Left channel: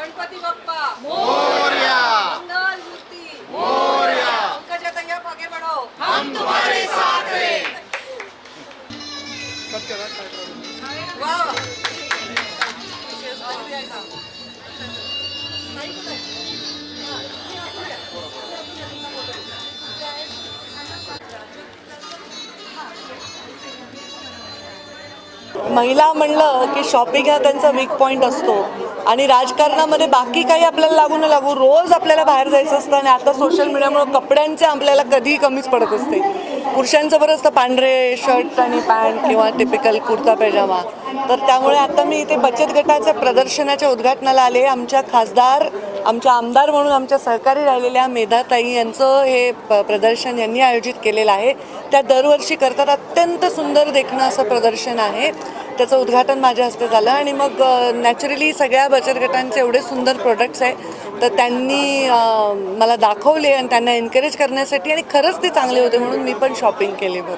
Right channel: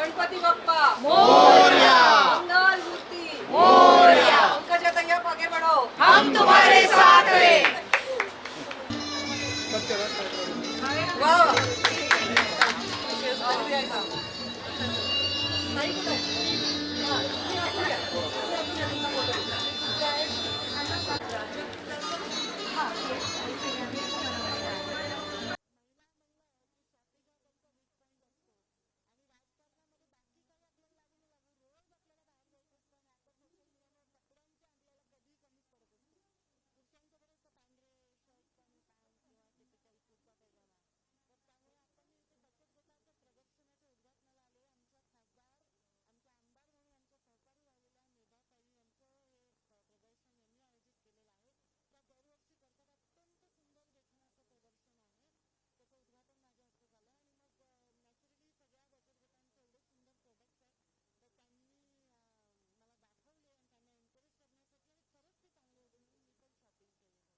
गणपती बाप्पा. मोरया. मंगल मूर्ती. मोरया. पंकजा तय्या आगे बढ़ो. हम तुम्हारे साथ हैं. वाह. वाह. महिला म्हणलं की शॉपिंग हा त्यांचा वीक पॉईंट असतो. आणि राजकारणामध्ये बाकी काही आपल्याला लागू न लागू रोज आपल्याला बाहेर जायचं असतं आणि आता सोशल मीडियामुळे कपड्यांचे आपल्याला कधीही कमीच पडत असते. पुरुषांचं बरंच असतं पांढरे शर्ट आणि पॅन्ट किंवा टिपिकल कुर्ता पैजामा. तर त्यामुळे आता मी इथे बचत गटाच्या प्रदर्शनाच्या उद्घाटनाला आले. आमच्या खासदार आमच्या आमदार म्हणून आमच्या सहकारी राहिलेल्या मेधाताई यांचं हे प- प्रदर्शन यांनी आयोजित केलेलं आहे. त्या दरवर्षी करतात. अत्यंत सुंदर देखणं असं प्रदर्शन आहे. त्याचं उद्घाटन माझ्या हस्ते झालं आणि मग नॅचरली सगळ्या बचत गटांचे एवढे सुंदर प्रोडक्ट्स आहे तर त्यांनी मला दाखवले आणि त्यांना एनकरेज करण्यासाठी आणि खरंच ते चांगले होते म्हणून मी पण शॉपिंग केली बरं